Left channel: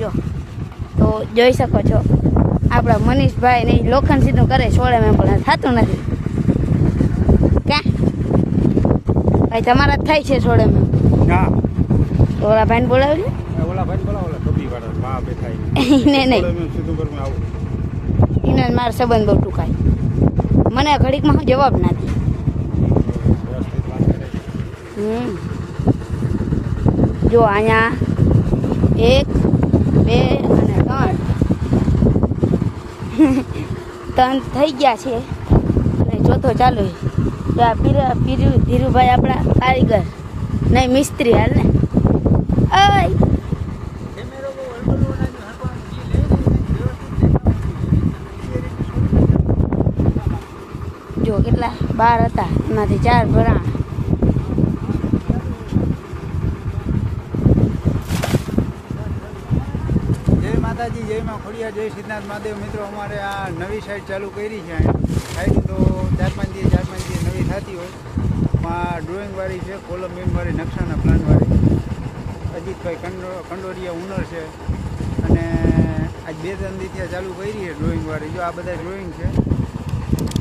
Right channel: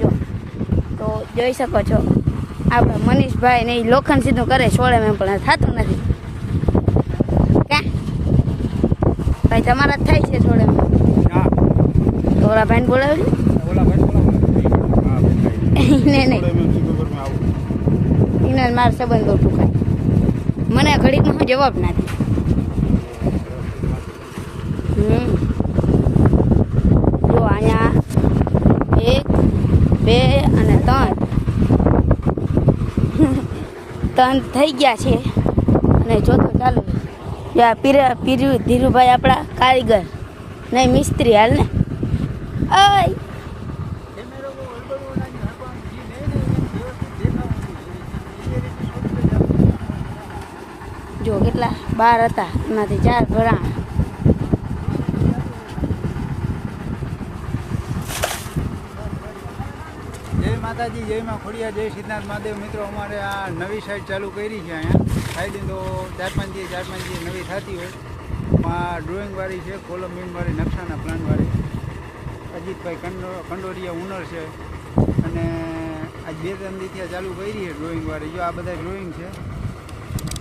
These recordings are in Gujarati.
જો. તો જોઈ શકો છો આપણા મનીષભાઈ ને લોખંડ સીધું કરે સોળે મેં પણ થતું નથી. ક્યાં? ભાઈ તમારા જ થાય છે સોળે મેં તો ઓલા ભાઈને બોલાવજો. ઓલા ભાઈ બોલા ઓલા ધોબી વાળા. હા, બેઠા છે. એને નહીં. એને મારો સંબંધ બહુ ટૂંકાય મને ઘડીકમાં જવાબ નથી. હમ. જો અહીંયા એક બે અને ત્રણ. ત્રણ થઈ ગયા છે. અને ચોથો ચાલુ છે. પીર ધીરુભાઈ આપણા કારીગર. નહીં, મિસ્ત્રી હાલ ને. જો કેટલા બાર હતા. એમાંથી ચાર ભરાણ જય માતાજી, જયમાં ખોડિયા જય સિદ્ધનાથ મહાદેવ. મિત્રો, અમારે આ નવી સાઈડ ચાલુ કરી છે અહીંયા. થાય તો ચાર પાંચ દિવસ, ચાર પાંચ દિવસ નવી થતી હોય. ડ્રોઈંગવાળી છે કોલમ બીમવાળી નકશાના પ્લાનવાળી અજીતભાઈ કંડો, કંડોરિયા ઉનર છે. અને આજ બે ત્રણ દિવસથી ચાલુ કરી છે ડ્રોઈંગવાળી જો આ બધા ડ્રોઈંગ છે,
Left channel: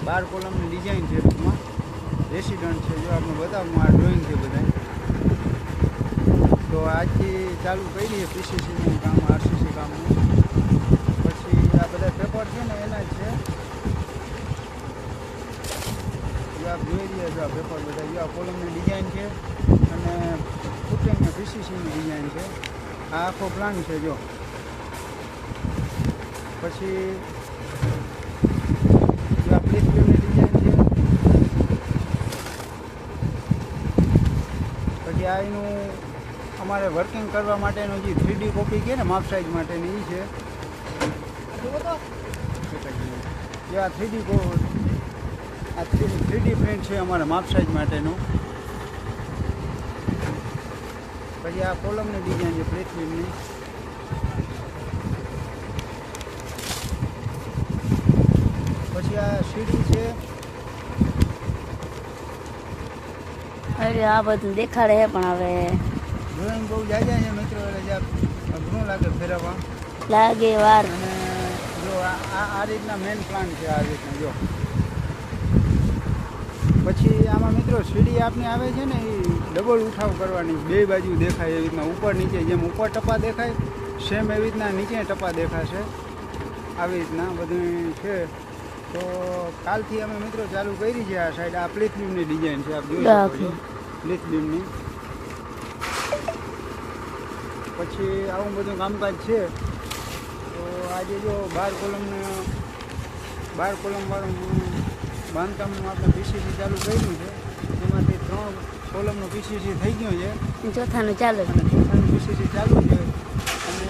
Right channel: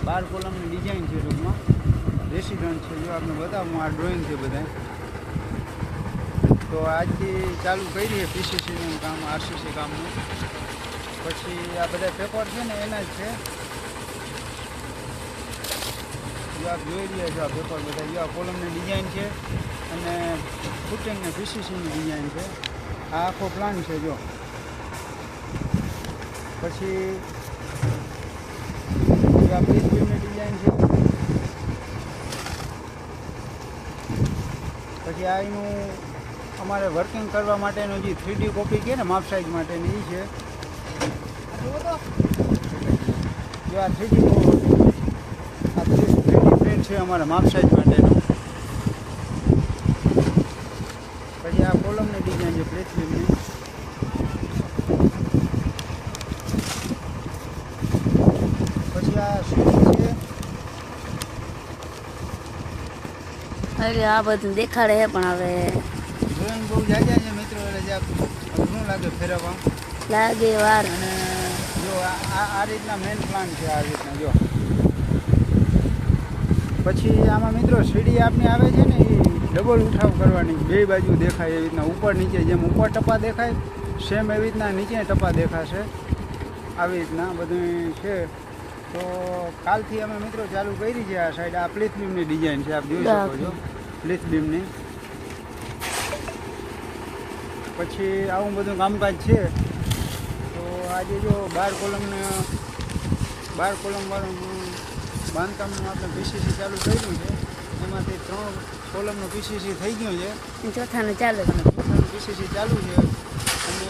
બાર કોલમની ડિઝાઇન છે ટૂંકમાં. રેસિડન્ટ છે, જો આપણે બતાવું, આ ડ્રોઈંગ છે બધા. તો આજથી ચાલુ કરી દઈએ પીસીસીનું કામ આરસીસી કામનું. પછી આ બધા પેપર છે ને, એના જ છે. આપ જોઈ રહ્યા છો આ પેપર બધા આ કોલમની ડિઝાઇન છે અને ફૂટિંગને પીસીસીની ડિઝાઇન છે. આ આખો પ્લાન છે, જો. પછી ડિઝાઇન છે. પછી આ એનું અમારે વર્કિંગ કરવા માટેનું જે થ્રીડી કોપી છે ને માપ સાઈઝ માટેની એ છે. જો આ થ્રીડી આ થ્રીડી પ્રિન્ટ છે અમારા માપ સાઈઝ માટેનું. પછી આ કોલમની ડિઝાઇન છે પૃથ્વીની. પછી આ સીડી છે. એટલે આ બધું દેખાડે છે પણ હવે. ડ્રોઈંગ બહુ જાય છે મિત્રો એટલે અઘરું લાગે ફેરવવા લાગે વાર. અને જો આ આ રીતના મેઇન પ્લાન છે આ રીતના જો. પછી આમાં મિત્રો સીડી આપની આવે છે ને એ ડબલ ઉઠાવ કરવાની. બે બાજુ દેખાય એવી રીતના ઉપર નીચે જેમ ઉપર ટપા દેખાય સેમ એવી રીતના નીચે ટપા દેખાશે. આવી રીતના બધું છે. તો કાલથી અમે મિત્રો ચાલુ કરી છે આ સાઈડ આ પ્લેથબીમની ડિઝાઇન છે આપ જોઈ શકો છો. પછી આવું બધું કામકાજ છે. તો આજે જો બાર કોલમને બાર કોલમવાળું બાંધકામનું આપણે પીસીસી ચાલુ કર્યું છે. એમાંથી ત્રણ કોલમનું પીસીસી થઈ ગયું છે. ચોથાનું ચાલુ અને ચોથાનું પીસીસી ચાલુ છે. અને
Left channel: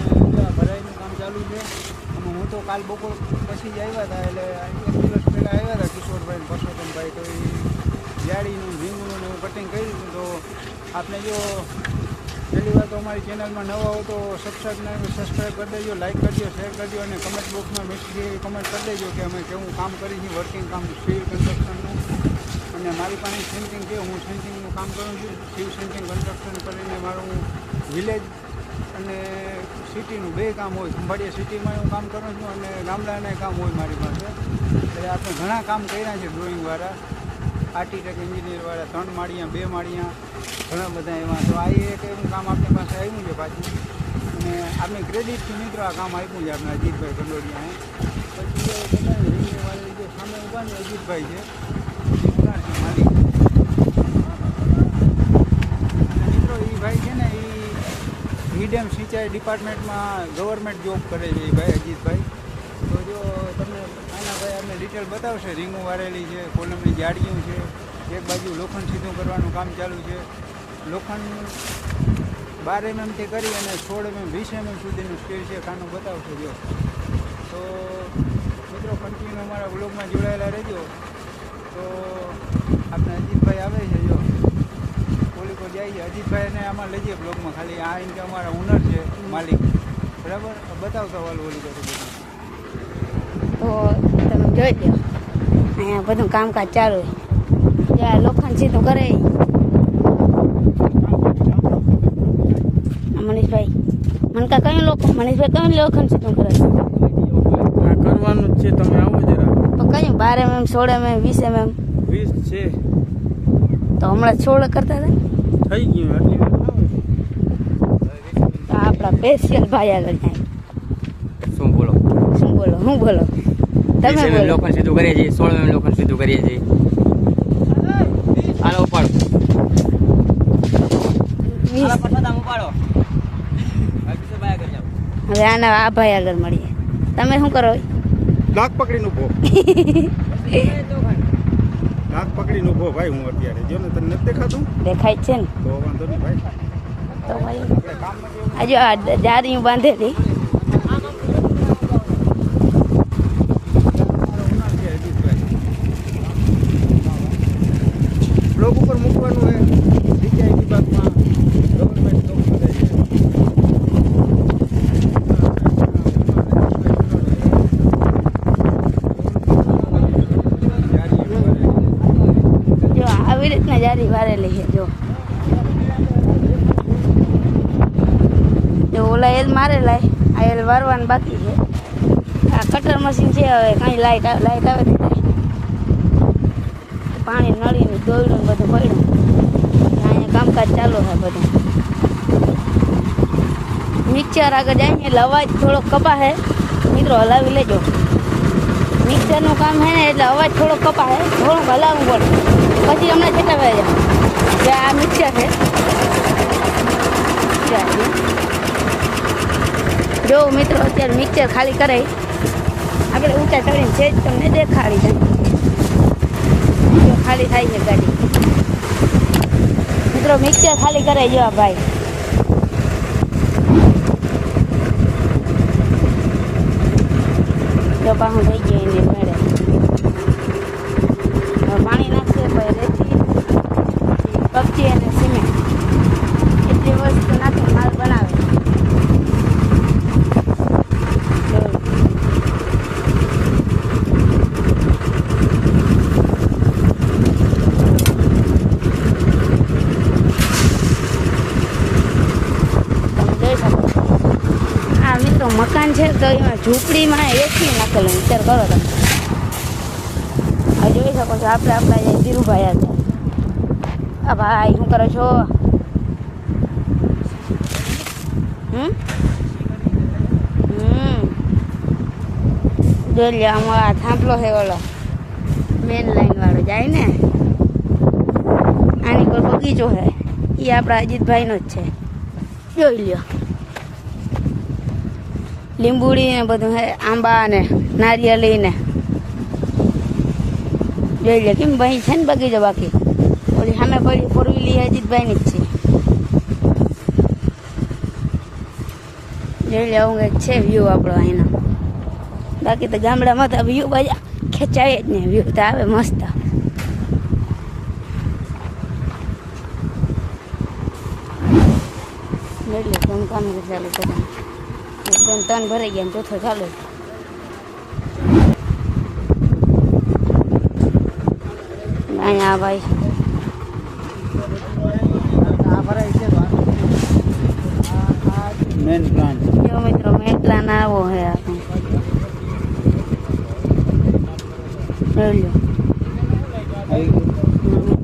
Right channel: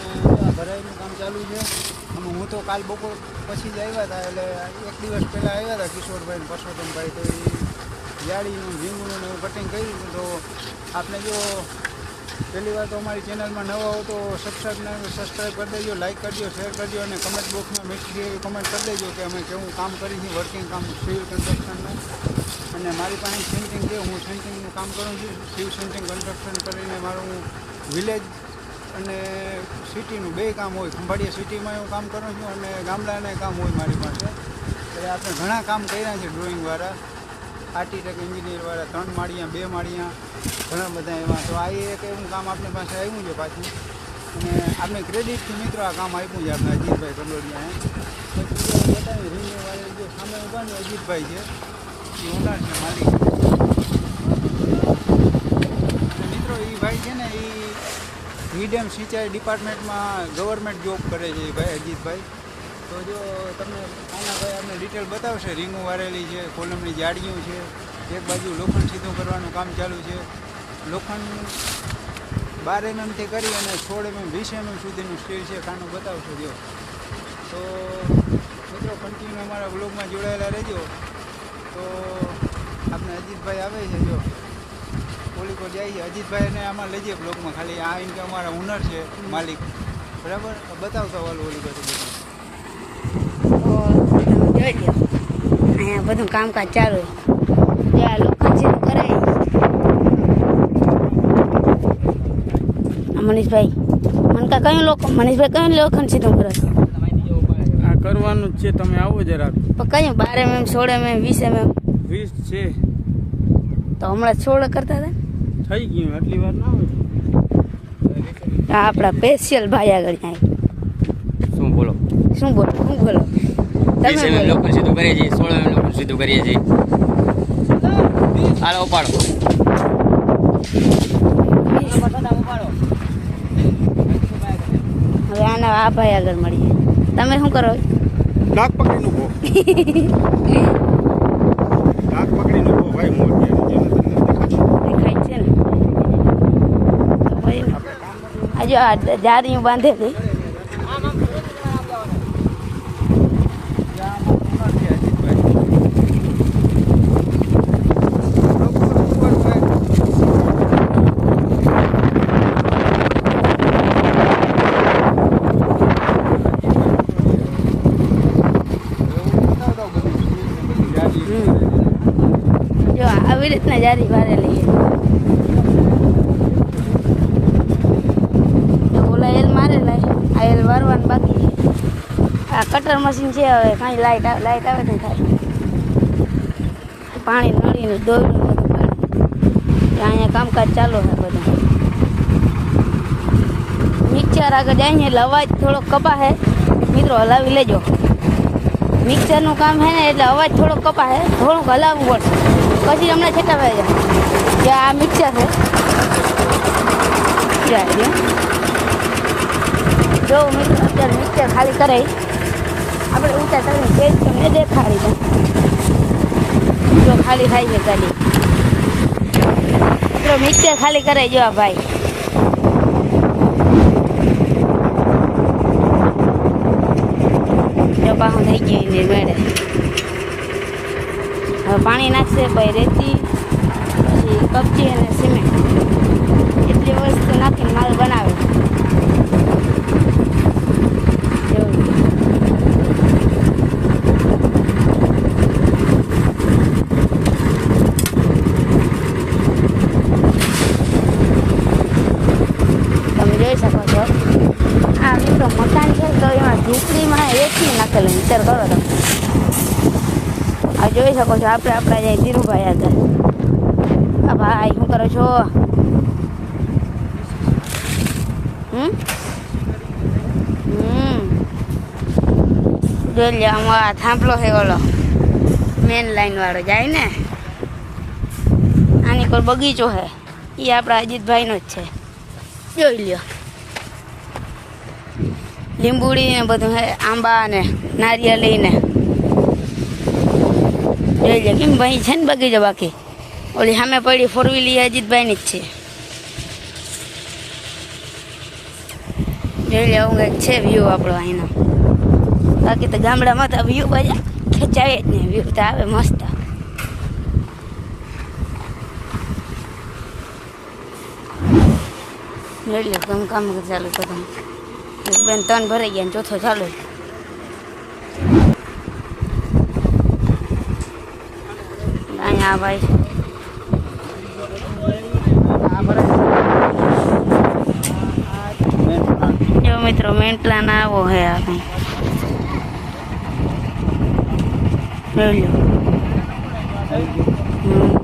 ભરાઈનું કામ ચાલુ છે. અને હું તો કાલ બપોર પછી જ આવ્યા હતા એટલે એક દિવસ પહેલાં આવ્યા હતા કિશોરભાઈ ને પરસોત્તમભાઈ. તો એ જાળીનું રીંગણું ને એવું કટિંગ કર્યું તો આપણે જો પહેલી વાર તો અમારી ચેનલમાં નવા હો તો સબસ્ક્રાઈબ સબસ્ક્રાઈબ કરી દેજો લાઈક કરજો શેર કરજો અને કમેન્ટ બોક્સમાં મેસેજ કમેન્ટ કરી દેજો કે અમે કેવું કામ કરી છીએ વર્કિંગ કામ સિવિલ કન્સ્ટ્રક્શનનું અને મારી પાસે સેન્ટિંગ છે, હું સેન્ટિંગનું કામ કરું છું. સિવિલ સેન્ટિંગ કન્સ્ટ્રક્શન કરીને મારું વિલેજ અને સિટીનું બે કામ હોય, ખંભાળિયા સિટીમાં હું કામ કરું છું અને ગામડાને કામ હોય મારી પાસે. એટલે આપણે ઘણા કામ કર્યા છે ડ્રોઈંગવાળા આર્ટિટેક એન્જિનિયરવાળા ત્રણ માળિયા, બે માળિયા, ઘણા બધા એવા. તો આ એક એવું કામ આપણી પાસે આવ્યું છે પાછું. અને આપણે ક્રેડિટથી મિત્રો આ કામ આપ્યું છે આપણે અજીતભાઈ કંડોડિયાએ પછી જે સામે ઊભા ને અજીતભાઈ છે. મિત્રો એ ભાઈ છે ને એ હિડેમ સિંચાઈ ડિપાર્ટમેન્ટમાં ગવર્મેન્ટ જોબ કરે છે એ ભાઈ અજીતભાઈ. તો જો તમને આના ભાઈ અમને ડિટેલ બતાવશે. રીંગું વાળેલી છે, કોલમની જાળીઓ છે, એક બાજુ લોખંડ સીધું કરવાનું કામ ચાલુ છે. લોખંડ બાર એમએમથી કરી અને સોળ એમએમ વીસ એમએમ સુધીનું સ્ટીલ છે, ખાનું બતાવશો જો. તો મિત્રો કન્ટિન્યુ અમારા બ્લોગમાં જોડાયેલા રહેજો. તો આપણે અજીતભાઈ આવે છે જો. કોલિકો જાય છે. અજીતભાઈને આમાં લઈ જઈએ બ્લોગમાં ખાલી આ કે અમારા ઓનર છે, માલિક. બરાબર? બતાવતા વાલું ઓલી બધું તમે જોઈ લો અહીંયા બધું કામકાજ ચાલુ ત્યાં લોખંડ સીધું કરે મનીષભાઈ. મને કા કયું લોકો મનીષભાઈ કયું લોખંડ સીધું કરે આ કરવાનું છે. તમે આવો જરા. પણ કયું? બાર એમ સોળ એમ વીસ એમ વીસ છે. તો હમણાં સોળ કરતા હતા થઈ ગયું આટલી વાર ના હોય. આ આપણા સ્પેશિયલ ભાઈ આગળ જાય શું બોલો? શું બોલો? શું બોલો? તમે બોલો. લોખંડ સીધું કરીએ છીએ સોળ એમ લોકો સીધું કરીએ છીએ. હાલો ઉપાડો. હવે આના આ ભાઈ આગળ મળીએ. તમે શું કરો? નાક પકડીને ઊભો. નાક પકડીને ઊભો ભાઈ હું અત્યારે જેને તને દેખાતો. દેખાય છે ને. આજે આ જારી બાંધેલી બ્લોક ઉપર મૂકવાનું હોય જો, આવી રીતના જારી વારેલી છે જો, ઓલા એલ મારેલા. આ એલ વારવાનું બાકી છે. આ કટર મશીન છે, હવે કાંઈ લાઈટ આવે લાઈટ આવે ને કાંઈ પાણી નળીને દોયડું ને બધું પડ્યું અહીંયા કામકાજ ચાલુ છે બધું. મિક્સર આગળ જાય ને એટલે અવાજ થોડો કપા હે મિત્રો હલાવી લેજો. મિક્સરનું કામ છે ને, એટલે અવાજ થોડો કપા છે થોડુંક હલાવવું પડશે પછી અમને ચકાવે છે જે આ મિક્સર છે. ત્યાં છે. જો મિત્રો, અત્યારે મિક્સર ખાલી કરે આપણે ઊંચા કરીને તેજ તમને દેખાડી દે. જો ખાલી થાય છે ગાડી. મિત્રો, મિક્સર ખાલી કરે જો આ ભાઈ. જો પાછું થઈ ગયું એની મેળે. હવે પાણી નાખશે, પછી રેતી, પછી કપચી અને સિમેન્ટ. એટલી વસ્તુ નાખીને માલ બનાવે છે જો. તમે જોઈ શકો છો આ મિત્રો એમાં ઝૂંપડીમાં એસી નાખેલું વિચાર કરો તમે. આ જોઈ શકો છો, આપણે આપણા ધીરુભાઈ આગળ આ ભાઈ, શું કરો છો? હમ? હમ. જોઈ આમાં થાંભલો છે ઓલો મેન લાઈન વાળો, જાય ને? આની કોઈ બગીચો છે. એ આપણા અજીતભાઈનો જ છે. જોઈ લ્યો. લીંબુડી ને બધું હે, આંબા ને નારિયેળી ને. જોઈ લે, કેમ ભાઈ છે ને બગીચો બાકી? ઓલી સામે પડી ફોર વ્હીલ એ અજીતભાઈની જ છે. જોઈ લે, આવું કંઈક છે વ્યૂ આપણો અહીંનો. બાકી તો ગામડામાં તો વ્યૂ બધા ખેંચાય જ નહીં વ્યૂ તો આવે મસ્ત. જોઈ લે કેમ કામ ચાલુ એક બેન ત્રણ ભરાઈ ગયા ને ચોથો ચાલુ છે. અહીંયા આ ભાઈ છે. આ ભરાય. મેન પ્લાન્ટ જો મિત્રો મેન પ્લાન આવો હે આ કંઈ જોઈ લો હમ